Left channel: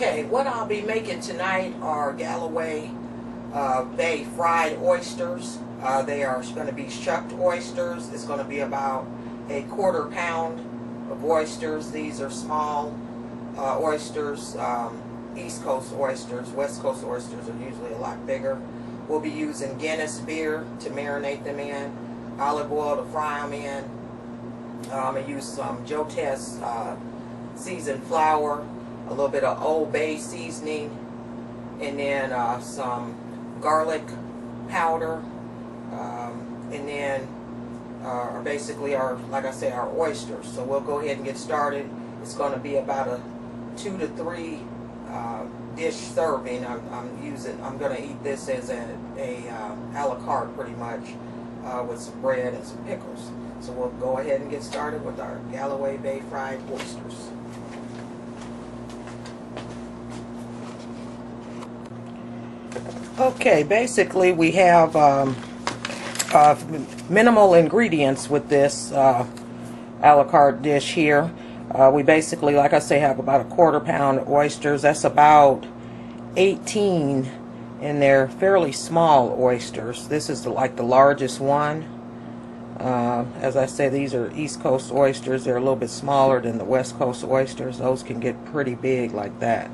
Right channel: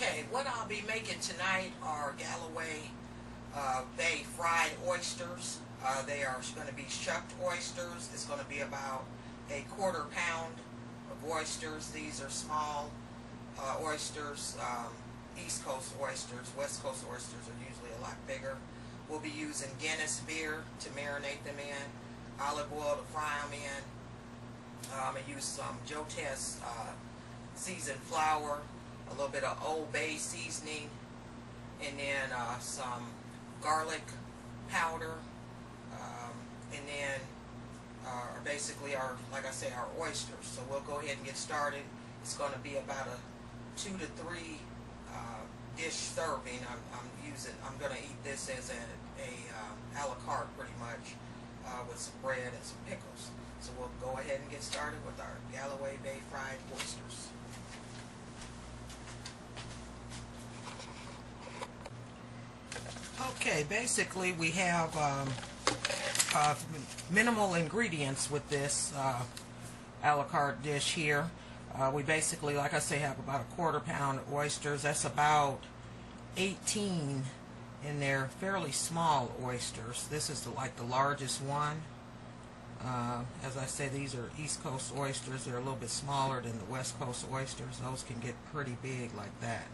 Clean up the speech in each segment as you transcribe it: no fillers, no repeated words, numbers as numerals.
Okay, what I'll be making tonight are Gallaway Bay fried oysters. They are going to be shucked oysters. It's going to be about a quarter pound of oysters. These are small oysters, East Coast oysters. West Coast oysters are usually a lot bigger. We'll be using Guinness beer to marinate them in, olive oil to fry them in. I use some Joe Test seasoned flour, a little bit of Old Bay seasoning, and then some garlic powder, and then basically like I say, our oysters. So we'll go ahead and get started. It's going to be about a 2 to 3 dish serving. I'm going to eat this as a la carte pretty much, with some bread and some pickles. So we'll go ahead and get started with our Gallaway Bay fried oysters. Okay, basically we have minimal ingredients with this a la carte dish here. We basically, like I say, have about a quarter pound of oysters. That's about 18, and they're fairly small oysters. This is like the largest one. As I say, these are East Coast oysters. They're a little bit smaller than the West Coast oysters. Those can get pretty big like that.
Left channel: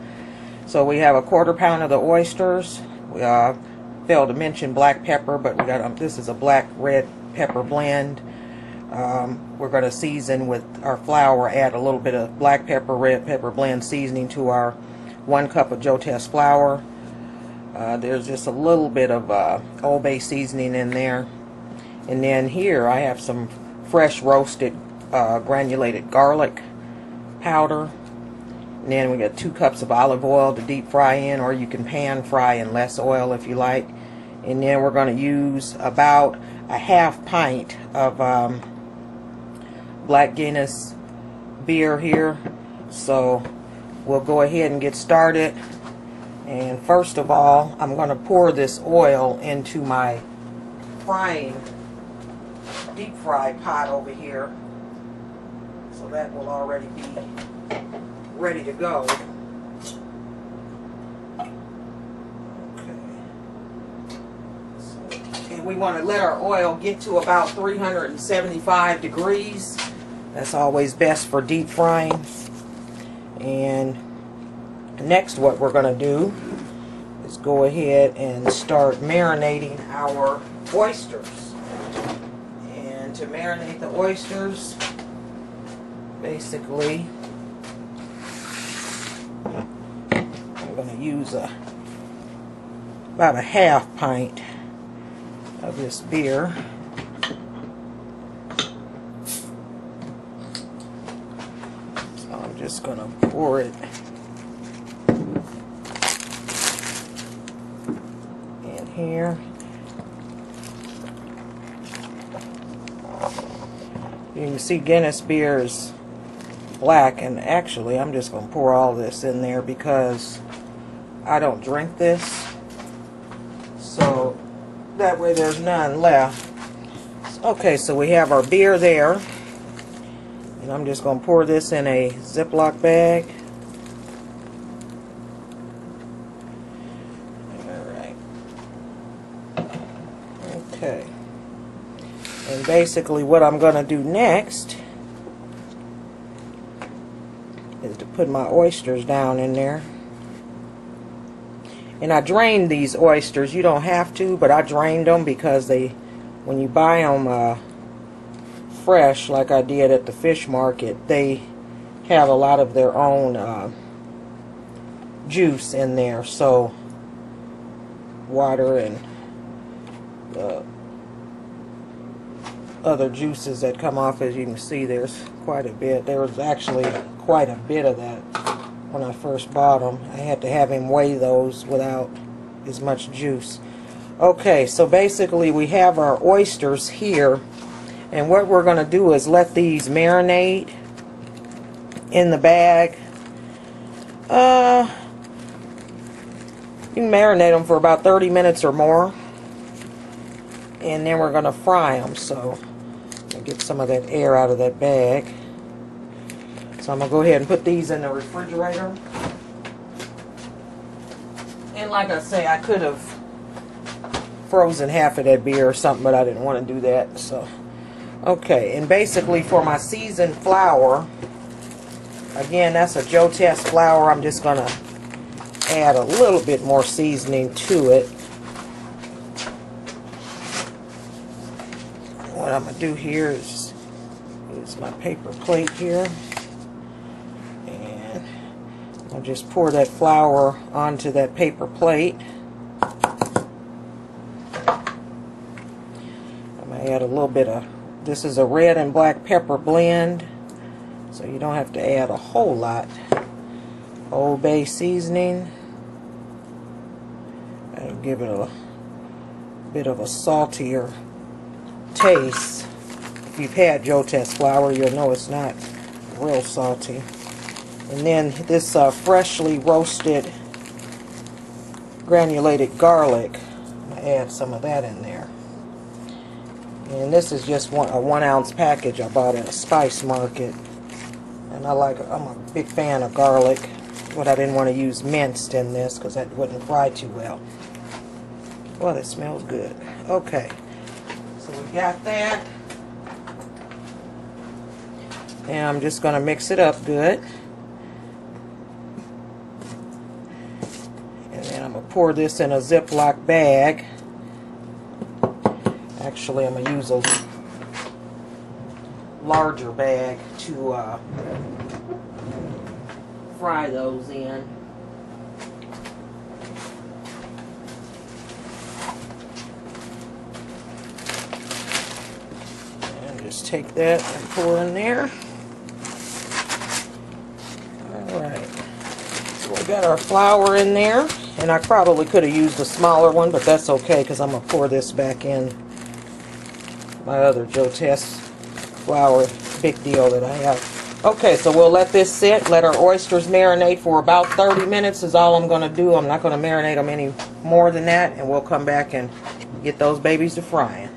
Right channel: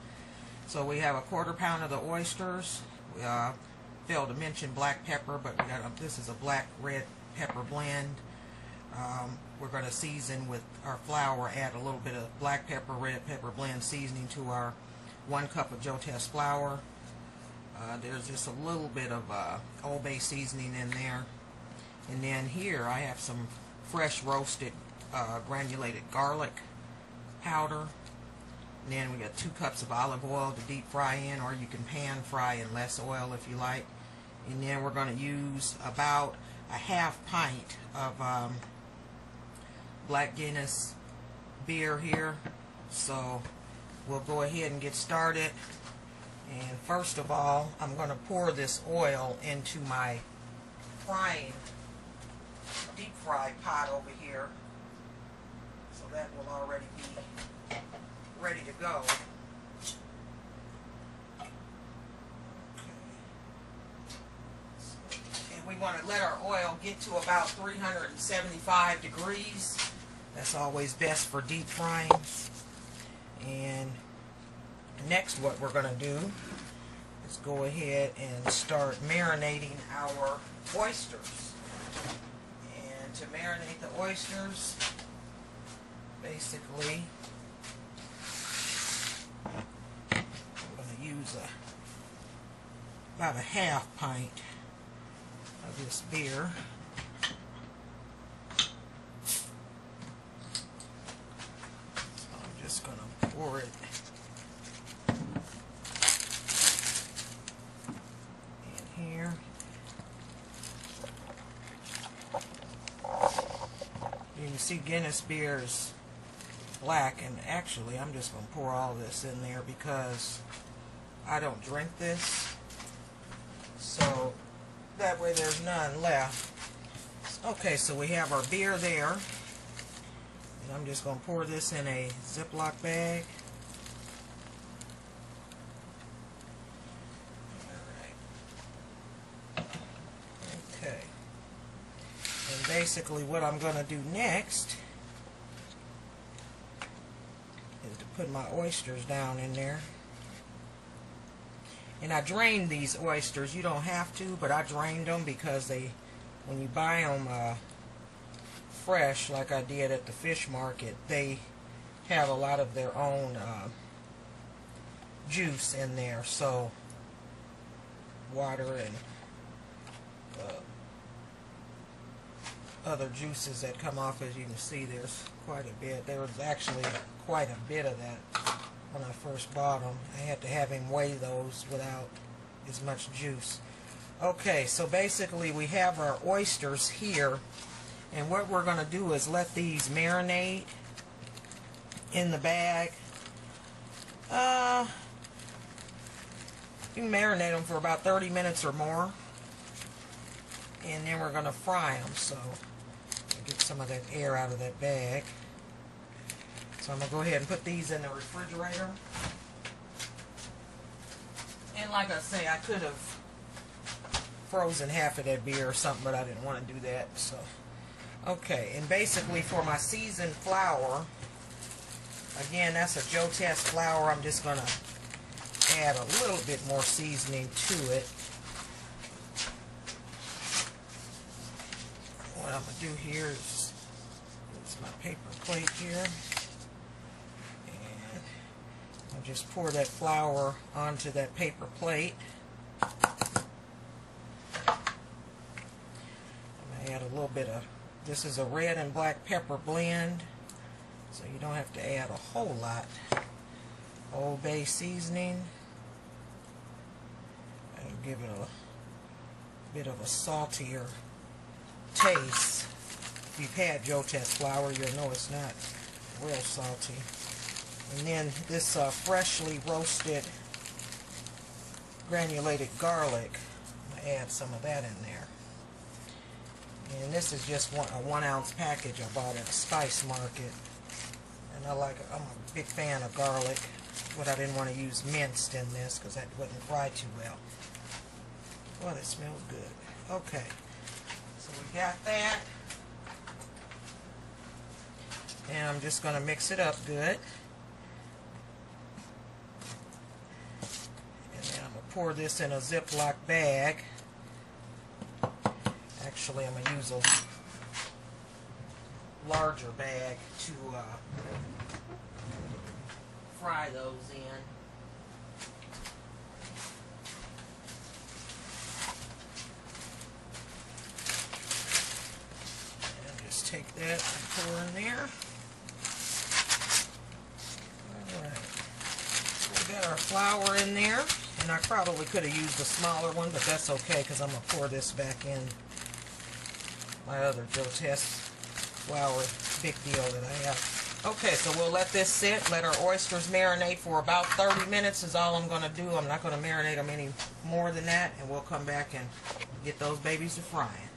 So we have a quarter pound of the oysters. We failed to mention black pepper, but we got this is a black red pepper blend. We're going to season with our flour, add a little bit of black pepper, red pepper blend seasoning to our 1 cup of Joe Test flour. There's just a little bit of Old Bay seasoning in there. And then here I have some fresh roasted granulated garlic powder. And then we got 2 cups of olive oil to deep fry in, or you can pan fry in less oil if you like. And then we're going to use about a half pint of black Guinness beer here. So we'll go ahead and get started. And first of all, I'm going to pour this oil into my deep fry pot over here. So that will already be ready to go. And we want to let our oil get to about 375 degrees. That's always best for deep frying. And next, what we're going to do is go ahead and start marinating our oysters. And to marinate the oysters, basically, I'm going to use about a half pint of this beer. So I'm just going to pour it in here. You can see Guinness beer is black, and actually I'm just going to pour all this in there because I don't drink this, so that way there's none left. Okay, so we have our beer there, and I'm just going to pour this in a Ziploc bag. Alright. Okay. And basically what I'm going to do next is to put my oysters down in there. And I drained these oysters. You don't have to, but I drained them because when you buy them fresh, like I did at the fish market, they have a lot of their own juice in there. So water and other juices that come off, as you can see, there's quite a bit. There was actually quite a bit of that when I first bought them. I had to have him weigh those without as much juice. Okay, so basically we have our oysters here, and what we're going to do is let these marinate in the bag. You can marinate them for about 30 minutes or more, and then we're going to fry them. So I'll get some of that air out of that bag. So I'm going to go ahead and put these in the refrigerator. like I say, I could have frozen half of that beer or something, but I didn't want to do that. So, okay, and basically for my seasoned flour, again, that's a Joe Test flour. I'm just going to add a little bit more seasoning to it. What I'm going to do here is use my paper plate here. And I'll just pour that flour onto that paper plate. I'm going to add a little bit of, this is a red and black pepper blend, so you don't have to add a whole lot. Old Bay seasoning. That'll give it a bit of a saltier taste. If you've had Joe Test flour, you'll know it's not real salty. And then this freshly roasted granulated garlic, I'm going to add some of that in there. And this is just a 1 ounce package I bought at a spice market. And I'm a big fan of garlic, but I didn't want to use minced in this because that wouldn't fry too well. Well, it smells good. Okay, so we got that. And I'm just going to mix it up good. And then I'm going to pour this in a Ziploc bag. Actually, I'm going to use a larger bag to fry those in. And just take that and pour in there. Alright, so we got our flour in there, and I probably could have used a smaller one, but that's okay because I'm going to pour this back in my other Joe Test flour big deal that I have. Okay, so we'll let this sit, let our oysters marinate for about 30 minutes is all I'm going to do. I'm not going to marinate them any more than that, and we'll come back and get those babies to frying.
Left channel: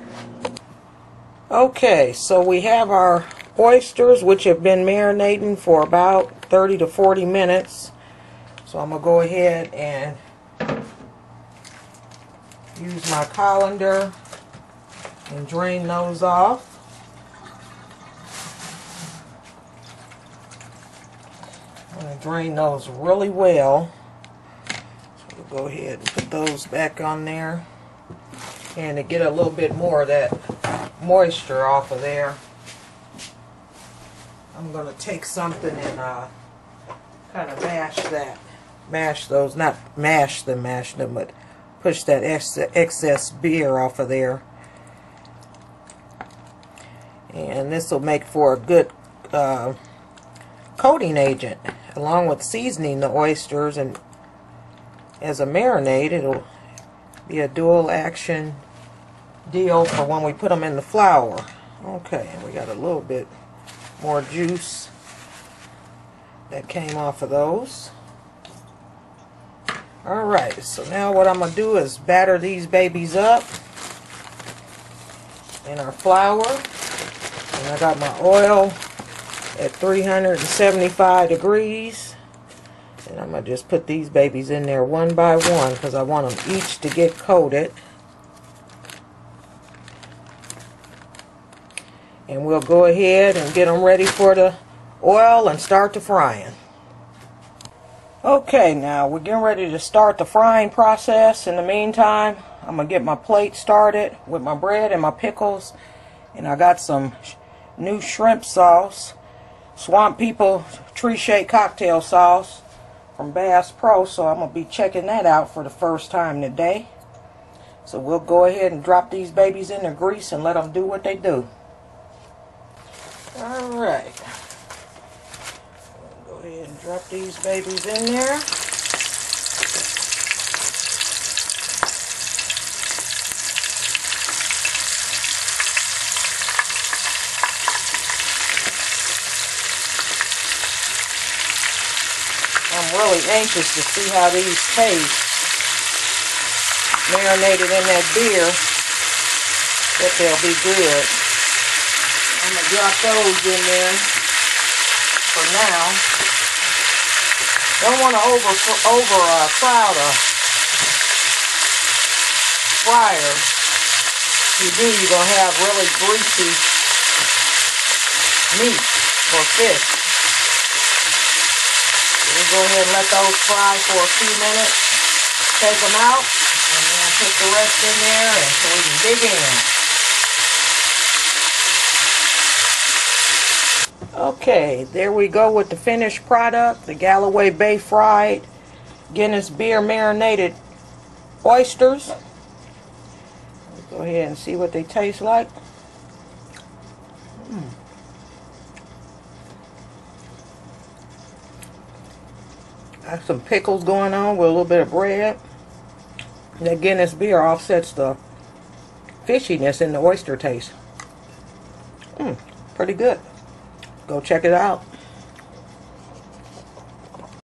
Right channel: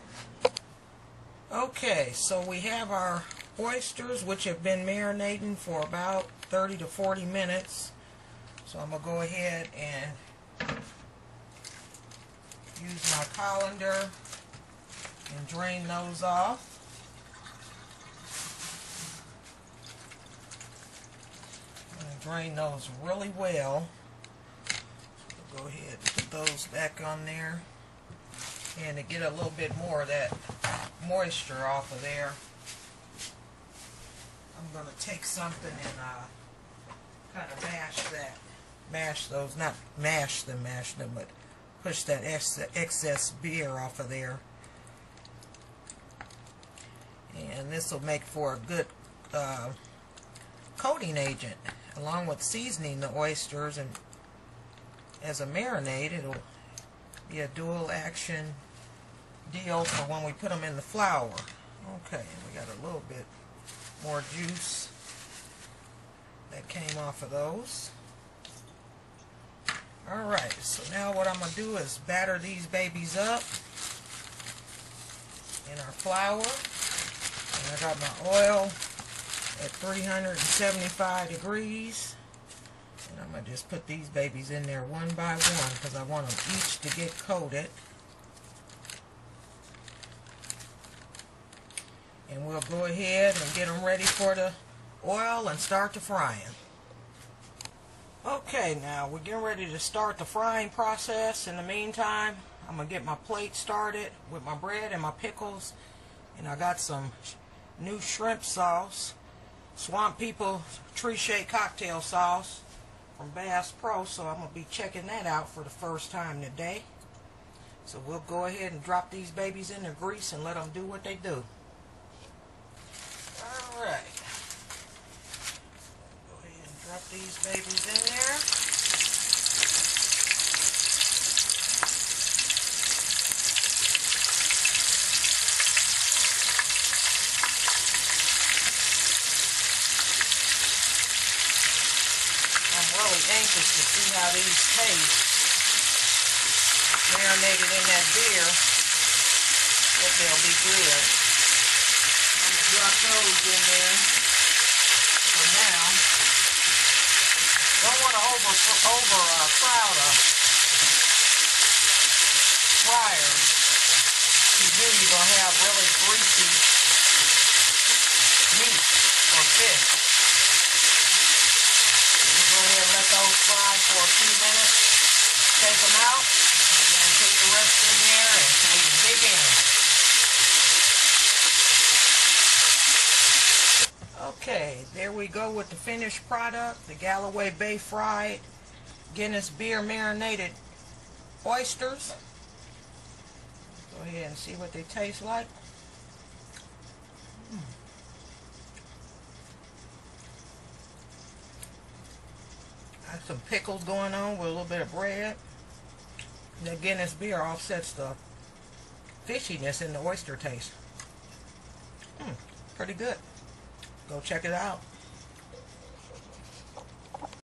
Okay, so we have our oysters, which have been marinating for about 30 to 40 minutes. So I'm going to go ahead and use my colander and drain those off. I'm going to drain those really well. So we'll go ahead and put those back on there. And to get a little bit more of that moisture off of there, I'm going to take something and kind of mash those, not mash them, but push that excess beer off of there. And this will make for a good coating agent, along with seasoning the oysters, and as a marinade, it'll be a dual action deal for when we put them in the flour. Okay, and we got a little bit more juice that came off of those. Alright, so now what I'm going to do is batter these babies up in our flour. And I got my oil at 375 degrees. And I'm going to just put these babies in there one by one because I want them each to get coated. And we'll go ahead and get them ready for the oil and start the frying. Okay, now we're getting ready to start the frying process. In the meantime, I'm going to get my plate started with my bread and my pickles. And I got some new shrimp sauce, Swamp People Tree Shake Cocktail Sauce from Bass Pro, so I'm going to be checking that out for the first time today. So we'll go ahead and drop these babies in the grease and let them do what they do. Alright. Go ahead and drop these babies in there. I'm really anxious to see how these taste. Marinated in that beer, that they'll be good. I'm going to drop those in there for now. Don't want to overcrowd fryer. If you do, you're going to have really greasy meat or fish. We'll go ahead and let those fry for a few minutes. Take them out and then put the rest in there and so we can dig in. Okay, there we go with the finished product, the Gallaway Bay fried Guinness beer marinated oysters. Let's go ahead and see what they taste like. Got some pickles going on with a little bit of bread. That Guinness beer offsets the fishiness in the oyster taste. Pretty good. Go check it out.